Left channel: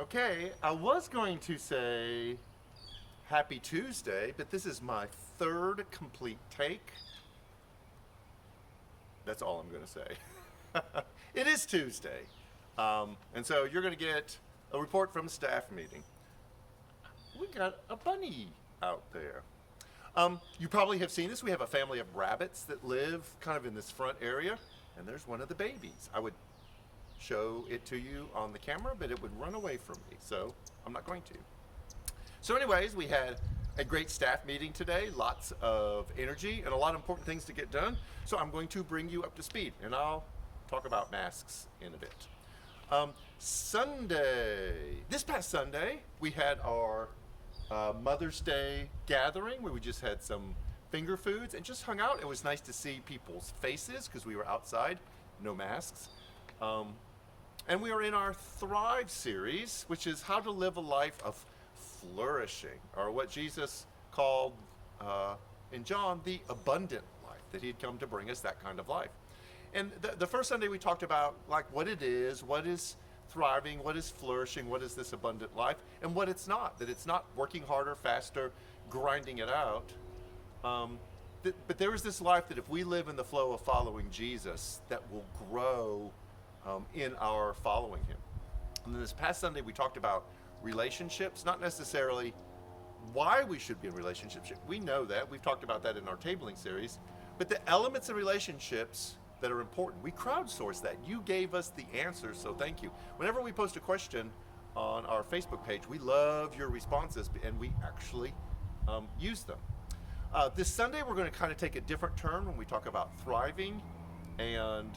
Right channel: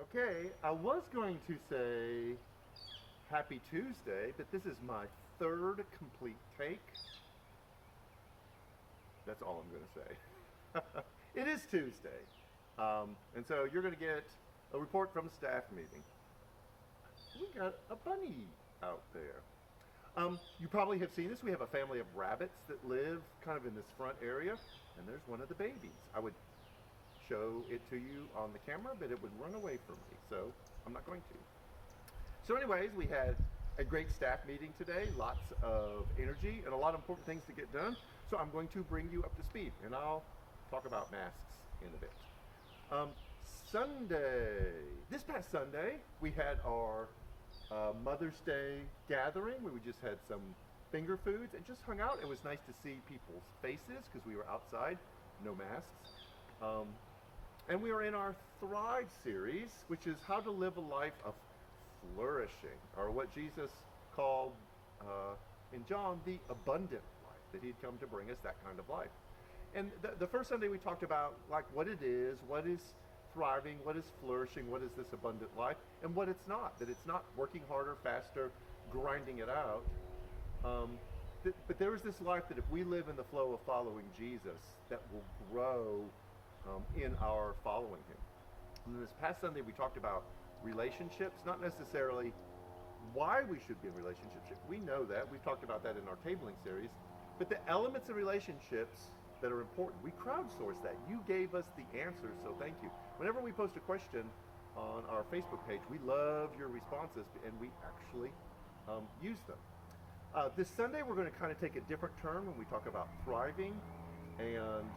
Okay, I was going to say Happy Tuesday, but this is my third complete take. That's all I'm going to say. It is Tuesday. And so you're going to get a report from a staff meeting. We got a bunny out there. You probably have seen this. We have a family of rabbits that live kind of in this front area, and there's one of the babies. I would show it to you on the camera, but it would run away from me, so I'm not going to. So anyways, we had a great staff meeting today, lots of energy and a lot of important things to get done. So I'm going to bring you up to speed, and I'll talk about masks in a bit. This past Sunday, we had our Mother's Day gathering where we just had some finger foods and just hung out. It was nice to see people's faces because we were outside, no masks. And we are in our Thrive series, which is how to live a life of flourishing, or what Jesus called in John the abundant life, that he'd come to bring us that kind of life. And the first Sunday we talked about like what it is, what is thriving, what is flourishing, what is this abundant life, and what it's not, that it's not working harder, faster, grinding it out. But there is this life that if we live in the flow of following Jesus, that will grow in our following him. And then this past Sunday we talked about relationships, not necessarily why we should be in relationships. We know that. We've talked about that in our tabling series. But the elements of relationships that are important, we crowdsourced that. You gave us the answers, so thank you. Whenever we post a question on our Facebook page, we love your responses, and we actually use them. This Sunday we're going to kind of take a different turn when we talk about thriving and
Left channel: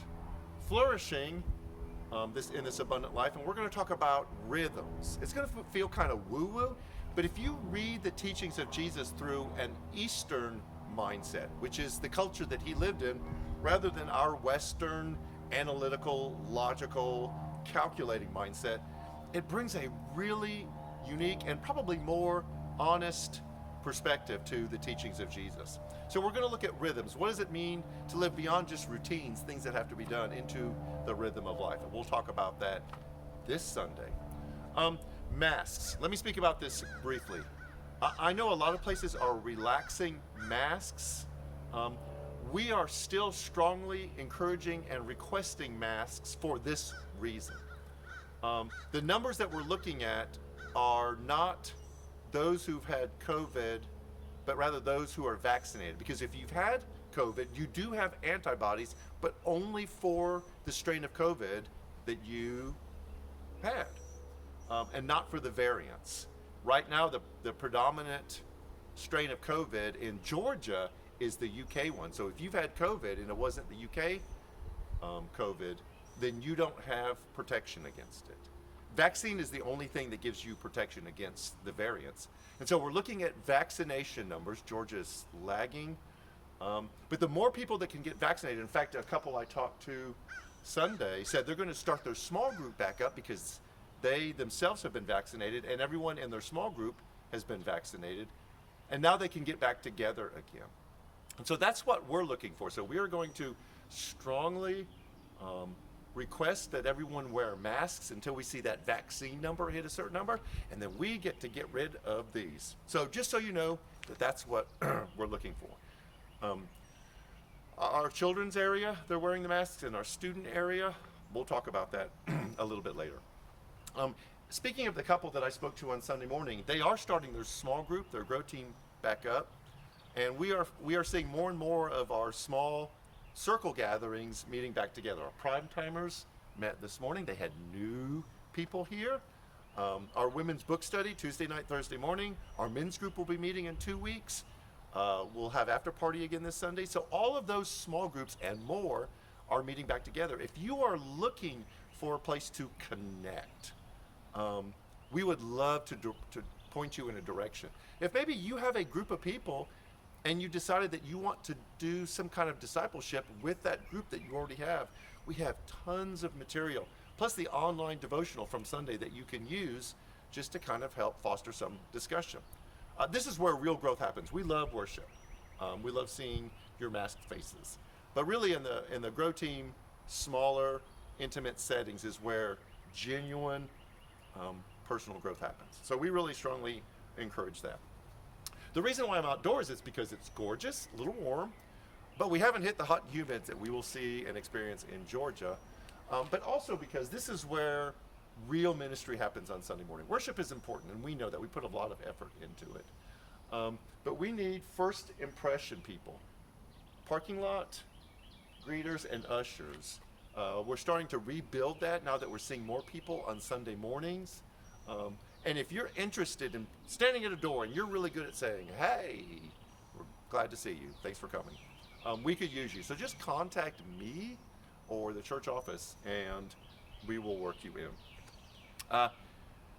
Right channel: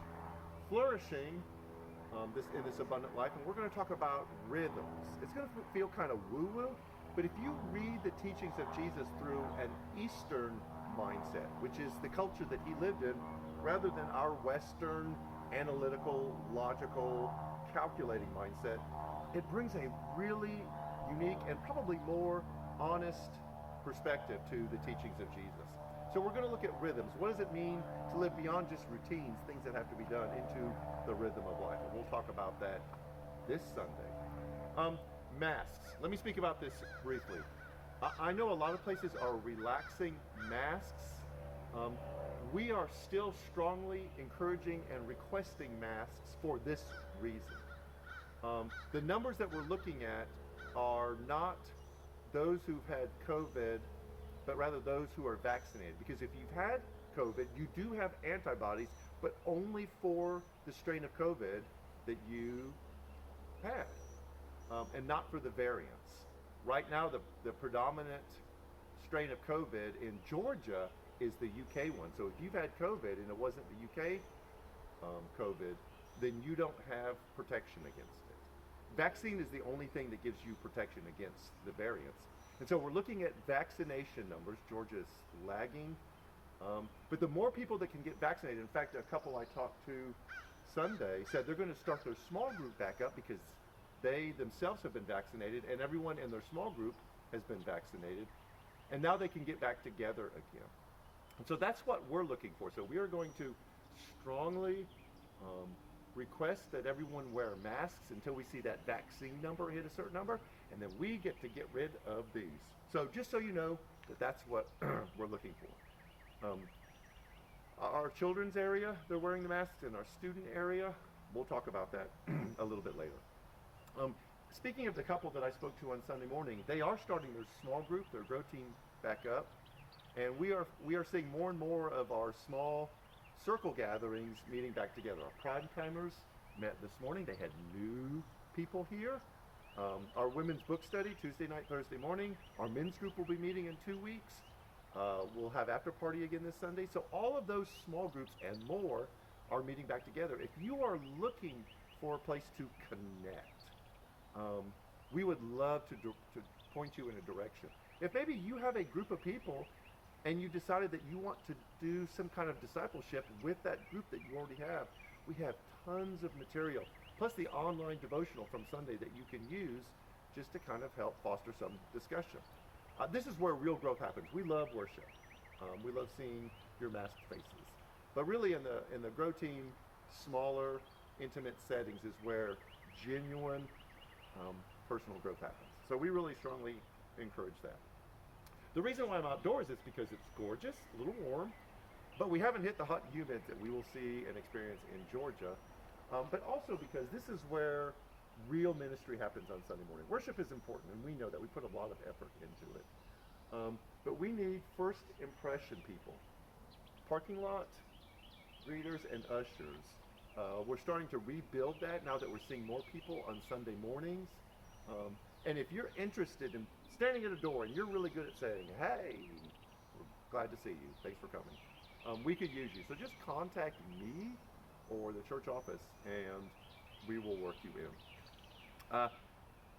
flourishing in this abundant life, and we're going to talk about rhythms. It's going to feel kind of woo-woo, but if you read the teachings of Jesus through an Eastern mindset, which is the culture that he lived in, rather than our Western, analytical, logical, calculating mindset, it brings a really unique and probably more honest perspective to the teachings of Jesus. So we're going to look at rhythms. What does it mean to live beyond just routines, things that have to be done, into the rhythm of life? And we'll talk about that this Sunday. Masks. Let me speak about this briefly. I know a lot of places are relaxing masks. We are still strongly encouraging and requesting masks for this reason. The numbers that we're looking at are not those who've had COVID, but rather those who are vaccinated. Because if you've had COVID, you do have antibodies, but only for the strain of COVID that you had, and not for the variants. Right now, the predominant strain of COVID in Georgia is the UK one. So if you've had COVID and it wasn't the UK COVID, then you don't have protection against it. Vaccine is the only thing that gives you protection against the variants. And so we're looking at vaccination numbers. Georgia is lagging. But the more people that can get vaccinated, in fact, a couple I talked to Sunday said they're going to start their small group back up because they themselves have been vaccinated and everyone in their small group has been vaccinated. And now they can get back together again. And so that's what we're looking for. So we are going to strongly request that everyone wear masks until we see that vaccine number hit a certain number, and then we get to get rid of these. So just so you know that that's what we're looking for. Our children's area, they're wearing the masks. In our student area, we'll talk about that a little bit later. Speaking of the couple that I spoke to on Sunday morning, they are starting their small group, their Grow Team, back up, and we are seeing more and more of our small circle gatherings meeting back together. Our prime timers met this morning. They had new people here. Our women's book study, Tuesday night, Thursday morning. Our men's group will be meeting in 2 weeks. We'll have after party again this Sunday. So all of those small groups and more are meeting back together. If you are looking for a place to connect, we would love to point you in a direction. If maybe you have a group of people and you decided that you want to do some kind of discipleship with that group that you already have, we have tons of material, plus the online devotional from Sunday that you can use just to kind of help foster some discussion. This is where real growth happens. We love worship. We love seeing your masked faces. But really in the Grow Team, smaller, intimate settings is where genuine personal growth happens. So we really strongly encourage that. The reason why I'm outdoors is because it's gorgeous, a little warm, but we haven't hit the hot and humids that we will see and experience in Georgia. But also because this is where real ministry happens on Sunday morning. Worship is important, and we know that. We put a lot of effort into it. But we need first impression people. Parking lot, greeters, and ushers. We're starting to rebuild that now that we're seeing more people on Sunday mornings. And if you're interested in standing at a door and you're really good at saying, hey, we're glad to see you, thanks for coming, we could use you. So just contact me or the church office and we will work you in.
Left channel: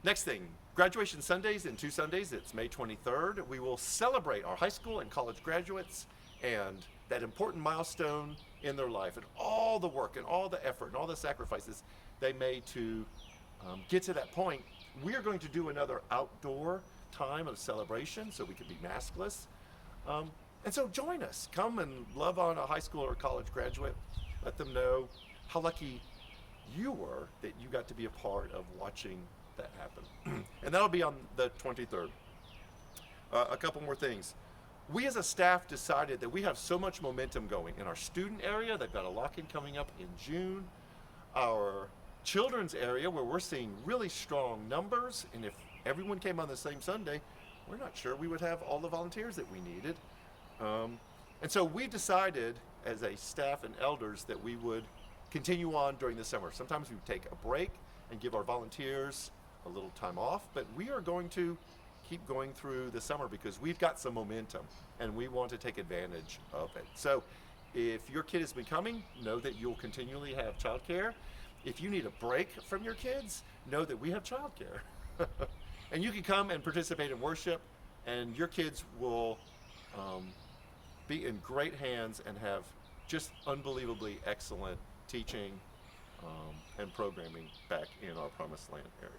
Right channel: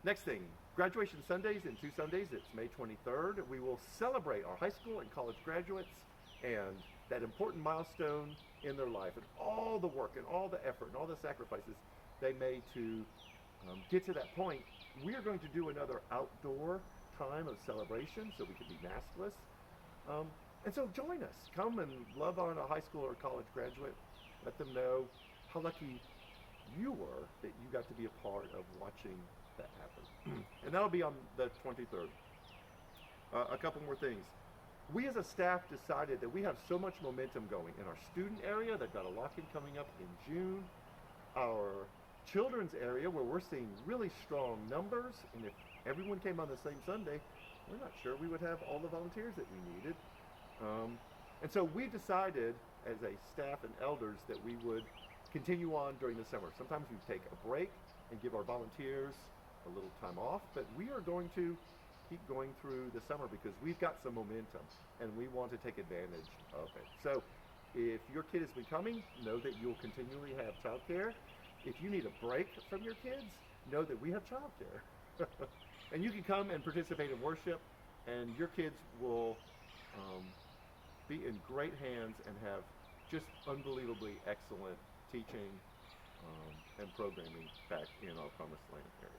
Next thing, graduation Sundays in 2 Sundays. It's May 23rd. We will celebrate our high school and college graduates and that important milestone in their life and all the work and all the effort and all the sacrifices they made to get to that point. We are going to do another outdoor time of celebration so we can be maskless. And so join us. Come and love on a high school or college graduate. Let them know how lucky you were that you got to be a part of watching that happen. And that'll be on the 23rd. A couple more things. We as a staff decided that we have so much momentum going in our student area. They've got a lock-in coming up in June. Our children's area, where we're seeing really strong numbers, and if everyone came on the same Sunday, we're not sure we would have all the volunteers that we needed. And so we decided as a staff and elders that we would continue on during the summer. Sometimes we take a break and give our volunteers a little time off, but we are going to keep going through the summer because we've got some momentum and we want to take advantage of it. So if your kid has been coming, know that you'll continually have childcare. If you need a break from your kids, know that we have childcare. And you can come and participate in worship, and your kids will be in great hands and have just unbelievably excellent teaching and programming back in our Promised Land area.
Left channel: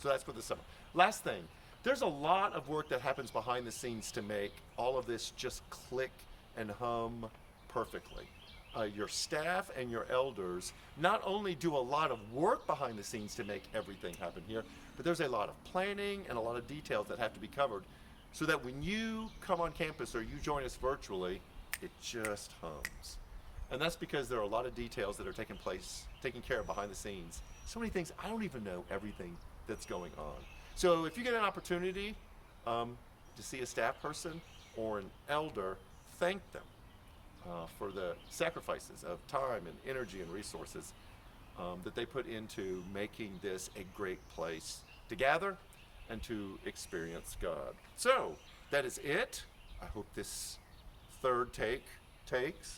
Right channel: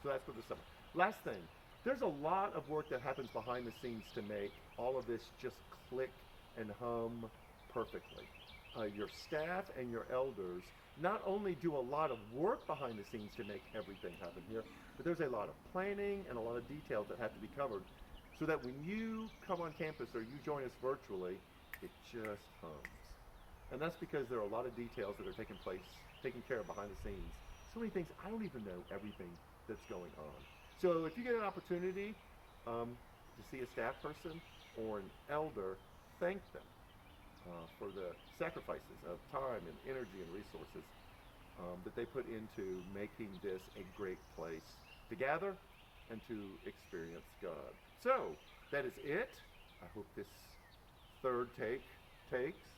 So that's for the summer. Last thing, there's a lot of work that happens behind the scenes to make all of this just click and hum perfectly. Your staff and your elders not only do a lot of work behind the scenes to make everything happen here, but there's a lot of planning and a lot of details that have to be covered so that when you come on campus or you join us virtually, it just hums. And that's because there are a lot of details that are taking care of behind the scenes. So many things, I don't even know everything that's going on. So if you get an opportunity to see a staff person or an elder, thank them for the sacrifices of time and energy and resources that they put into making this a great place to gather and to experience God. So that is it. I hope this third takes.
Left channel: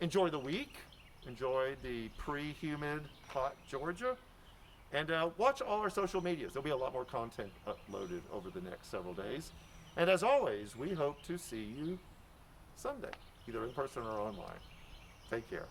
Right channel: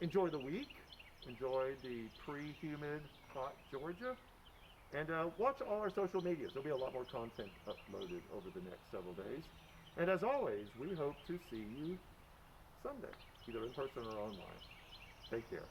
Enjoy the week. Enjoy the pre-humid, hot Georgia. And watch all our social medias. There'll be a lot more content uploaded over the next several days. And as always, we hope to see you Sunday, either in person or online. Take care.